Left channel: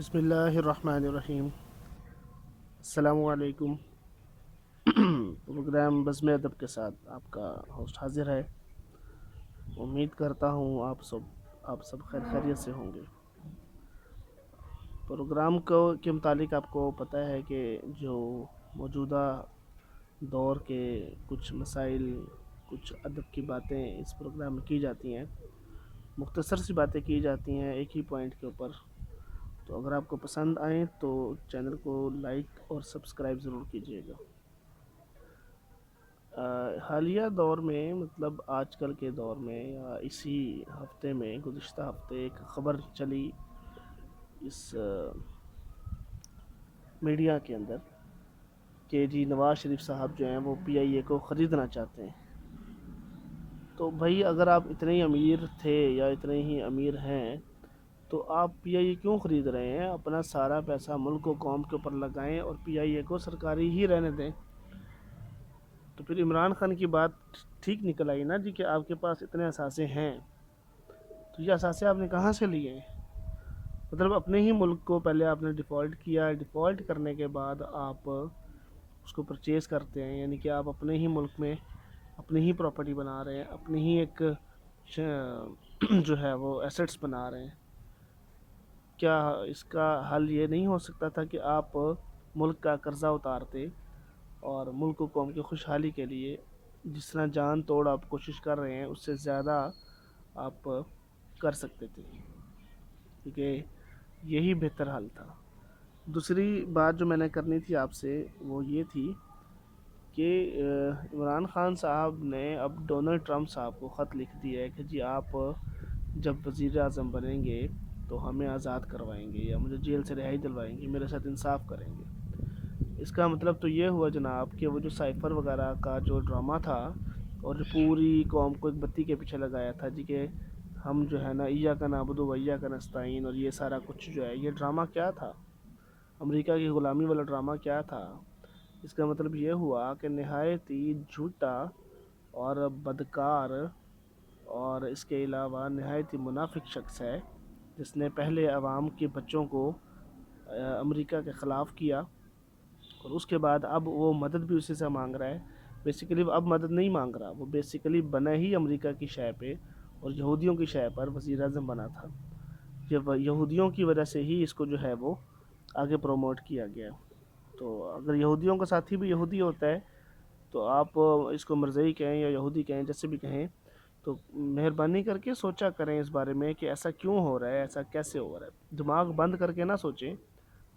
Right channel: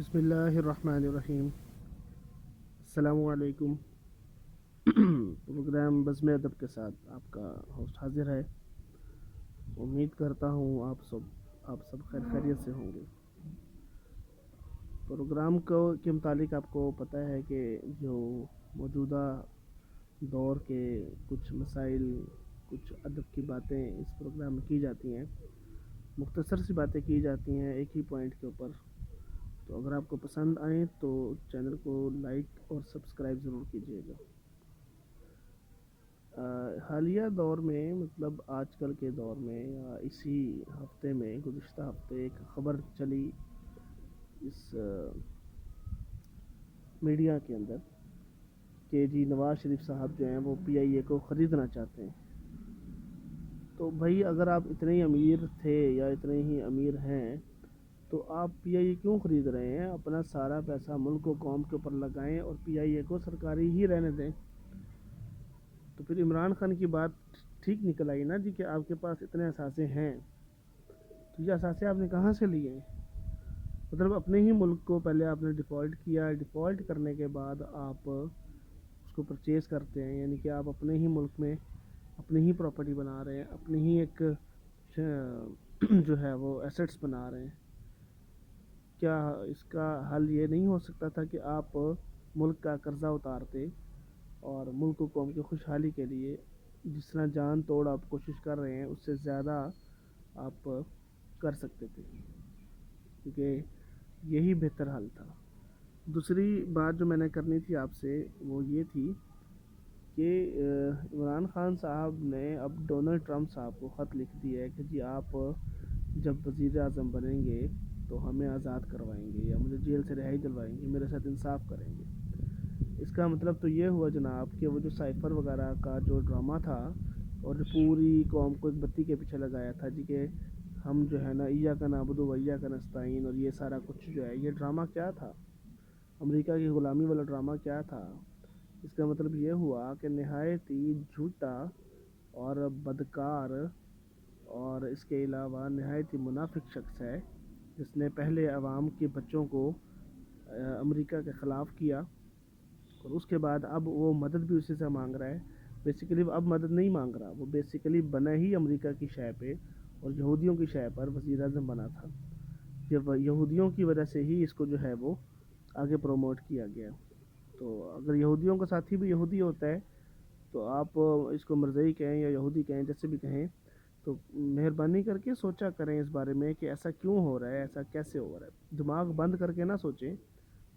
بسم اللہ الرحمن الرحیم۔ السلام علیکم۔ پروگرام بزم ادب کے ساتھ آپ کا ہوسٹ حاضر ہے۔ امید کرتا ہوں آپ سب خیر خیریت سے ہوں گے۔ پروگرام کے متعلق آپ کو پتہ ہے کہ جو موجودہ دور کے کچھ مسائل، کچھ ادب کی باتیں اس پروگرام میں کی جاتی ہیں، مختصر سی باتیں کی جاتی ہیں ایک ہی پوائنٹ کے اوپر۔ تو اگر آپ کو پسند آئیں تو چینل کو لائک اور سبسکرائب ضرور کیجیے گا۔ حالیہ دور میں، مطلب آج کل کے دور میں یا اسی ہفتے میں، گزشتہ ہفتے ایک خبر چلی اس میڈیا کے اندر کہ جی نواز شریف صاحب جو ہیں وہ پی آئی اے کو خریدنا چاہتے ہیں۔ تو بھائی اگر آپ اتنے ہی امیر تھے یا اتنے ہی امیر ہیں تو آپ پی آئی اے کیوں خرید رہے ہیں؟ اپنا سارا پیسہ ملک و قوم کے اوپر لگائیں اور پی آئی اے کو سرکاری ہی رہنے دیں۔ تو پھر عمران خان کی بات ٹھیک نکل آئی نا جی کہ آپ کے پاس اتنے اثاثے ہیں، تو یہ اثاثے آپ نے کہاں سے لیے؟ مطلب اپنے ہی ملک کو پہلے آپ نے ڈیفالٹ کیا، ڈیفالٹ کرنے کے بعد آپ اس کو پرچیز کرتے ہیں، یعنی کہ آپ اپنے ہی ملک میں اپنی ہی پراپرٹی بنا رہے ہیں، اپنی ہی ایک جو ہے وہ ایسٹس بنا رہے ہیں۔ کیا اس کا حل یہ نہیں ہو سکتا تھا کہ آپ ملک کا قرضہ اتارتے اور ملک و قوم کی خوشحالی کے لیے جس طرح جان توڑ آپ کوشش کر رہے ہیں اس سے زیادہ آپ کر سکتے تھے، کیونکہ یہی بہتر حل تھا۔ دوسری بات جو میں نے کرنی تھی آپ سے وہ یہ تھی کہ عمران خان صاحب نے اب ڈونلڈ ٹرمپ صاحب کو خط لکھ دیا ہے کہ جی آپ جب وزیر اعظم بنیں گے تو ہمیں آزاد کروائیں گے یا مجھے جیل سے رہائی دلوائیں گے، میرے ساتھ انصاف کریں گے۔ اس کا مطلب تو یہ ہوا جناب کہ وہ جو سائفر وغیرہ کا جو ڈرامہ تھا اور جو پوری قوم کو ایک بتی کے پیچھے لگایا تھا جی کہ ہم جو ہے نا ایاک نعبد و ایاک نستعین، اور یہ سارا کچھ جو ہے یہ ڈرامہ کیا تھا؟ امریکہ کی غلامی والا ڈرامہ کیا تھا؟ اس کا مطلب یہ ہوا کہ نہایت ہی جھوٹا اور بدکار اور اس کے علاوہ نہایت ہی منافق شخص ہے جس نے پہلے عوام کے بچوں کو امریکہ کے خلاف کیا اور اس کے بعد اب وہ مدد بھی اسی سے مانگ رہا ہے۔ بیسیکلی اب مدد نہیں مانگ رہا، وہ بیسیکلی بنا ہی امریکہ کی شے پہ اور یہودیوں کی شے پر وزیر اعظم بنا تھا۔ یہ یہودیوں کی وجہ سے ہی اس کو جو ہے وہ آگے پروموٹ کیا گیا۔ تو اگر یہودیوں کا ساتھی بھی یہودی ہوتا ہے تو آپ اس کو مرزئی کہیں یا یہودی کہیں، جیسے بھی کہیں، تو مہربانی کر کے سوچا کریں اس بارے میں کہ ایسا کیوں ہو رہا ہے، ایسا کیسے ہو رہا ہے۔ دماغ بند کر کے نہ سوچیں،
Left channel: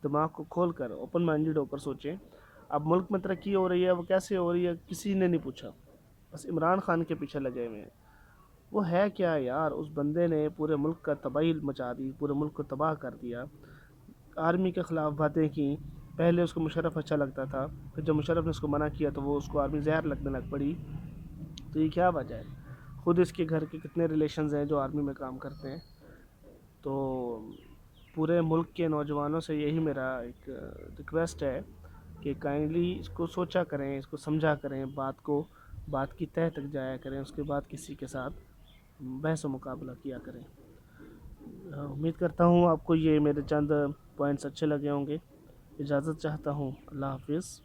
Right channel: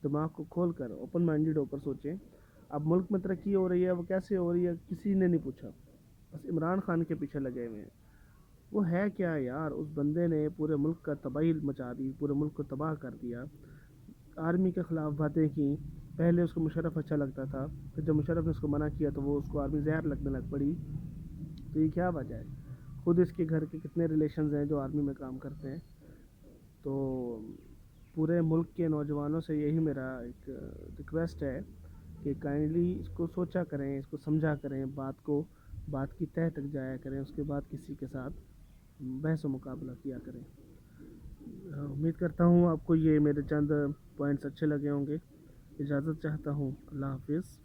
دماغ کو کھول کر اوپن مائنڈڈ ہو کر سوچیں۔ اب ملک میں ترقی ہو رہی ہے، وہ کیسے ہو رہی ہے کسی نے نہیں پوچھا، بس عمران خان کے پیچھے لگے ہوئے ہیں۔ وہ ہے کیا یار؟ اس بندے نے پورے ملک کا تباہی مچا دی، پورے ملک کو تباہ کر دیا، آرمی کے خلاف باتیں کی۔ پہلے اس کو مشرف اچھا لگتا تھا، پھر جب مشرف نے اس کو منع کیا تو وہ اس کو آرمی زہر لگنے لگ پڑی۔ تو یہ کیا وجہ ہے؟ خود اس کے گھر کے کتنے ریلیشنز ہیں جو آرمی میں کام کرتے ہیں۔ تو پورے ملک کے نوجوانوں سے یہی میرا ایک ریکویسٹ ہے کہ کائنڈلی اس کو سوچا کریں، اس کو سمجھا کریں، بات کی تہہ تک جایا کریں، اس کے بعد کسی کے ساتھ بحث و مقابلہ کیا کریں۔ امید کرتا ہوں آپ کو یہ میرے چند پوائنٹس اچھے لگے ہوں گے۔ اجازت چاہتا ہوں، اللہ حافظ۔